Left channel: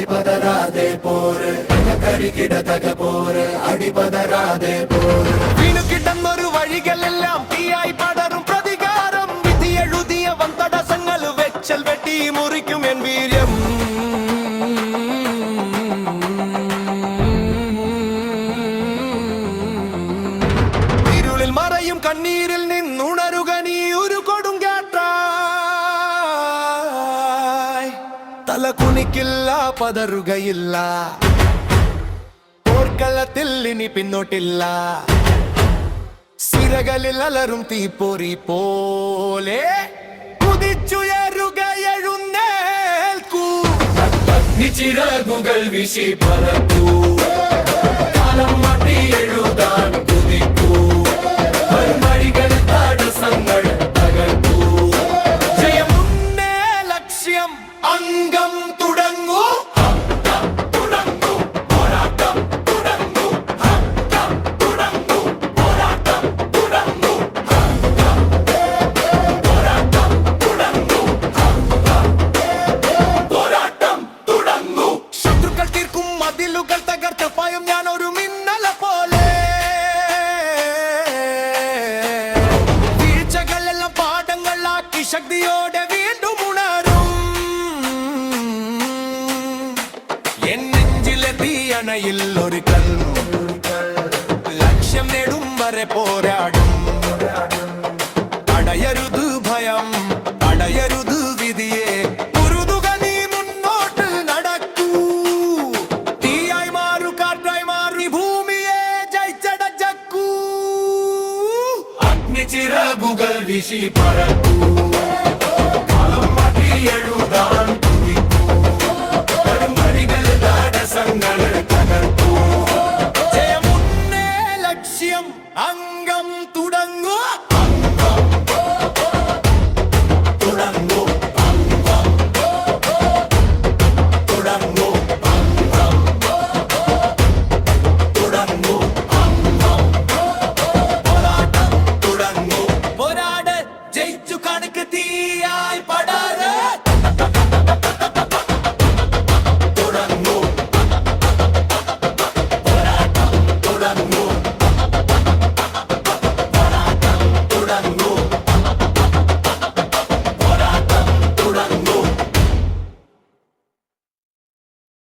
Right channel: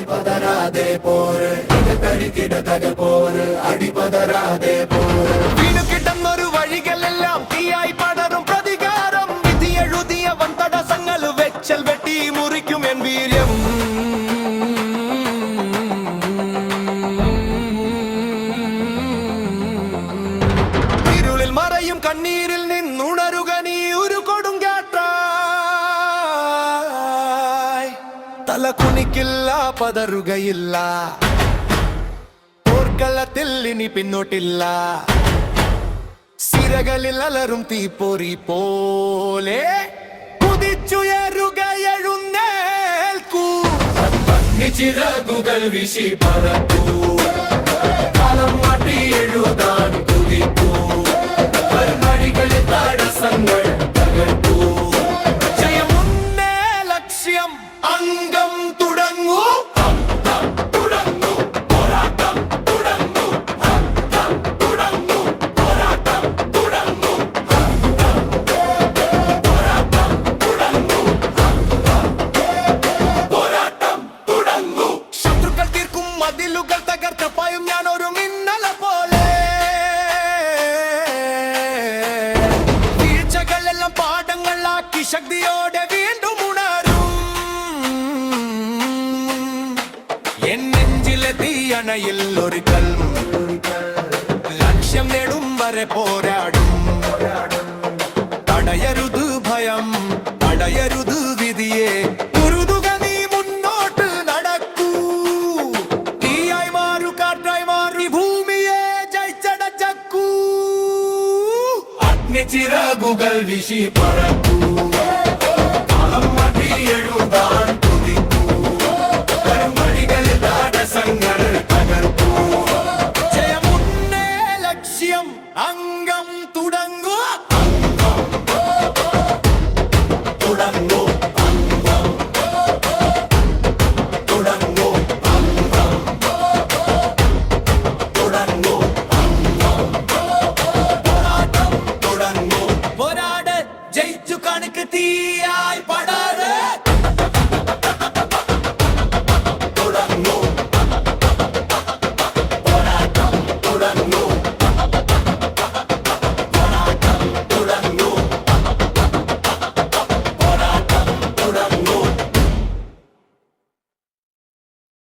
അടിപതരാതെ പോര് കരികിടതക പോര് അടിപതരാതെ പോര് വീണു കിടന്നൊരു വഴികളെല്ലാം തീയായി പടരും പ്രതികാരം വിധി എഴുതിയവൻ തടസ്സങ്ങൾ വെച്ചൽ വെട്ടി മുറിക്കും എൻ വീര്യം ഇരുളിൽ മറയും കണ്ണീരിൽ നിന്നുണരുക നീ ഒരു കൊടുങ്കാറ്റായി തല കുനിക്കില്ല പതറുകയില്ല പോർക്കളത്തിൽ ഇനി പിന്നോട്ടില്ല സിരകളിൽ അലറും തീപ്പൊരി പോലെ കുതിച്ചുയരുക എഴുന്നേൽക്കൂ ചിറകുകൾ വിശി പറക്കൂ കാലം മാറ്റി എഴുതാൻ കുതിക്കൂ മഴികളിൽ തടസ്സങ്ങൾ തകർക്കൂ ജയമുന്നേ ലക്ഷ്യം അംഗം തുടങ്ങൂ മതിലുകൾ തകർത്ത് പായും ഞാൻ ഒരു മിന്നല പോലെ വീഴ്ചകളെല്ലാം പാഠങ്ങളാക്കി ശക്തിയോടെ വീണ്ടും ഉണരും എൻ നെഞ്ചിലെ തീയണയിൽ ഒരു ലക്ഷ്യം നേടും വരെ പോരാടും തടയരുത് ഭയം തടയരുത് വിധിയെ ഉരുതുക നീ മുന്നോട്ട് നടക്കൂ തീയായി മാറു കാറ്റായി മാറി ഭൂമിയെ ജയിച്ചടക്കൂ അഗ്നി ചിറകുകൾ വിശി പറ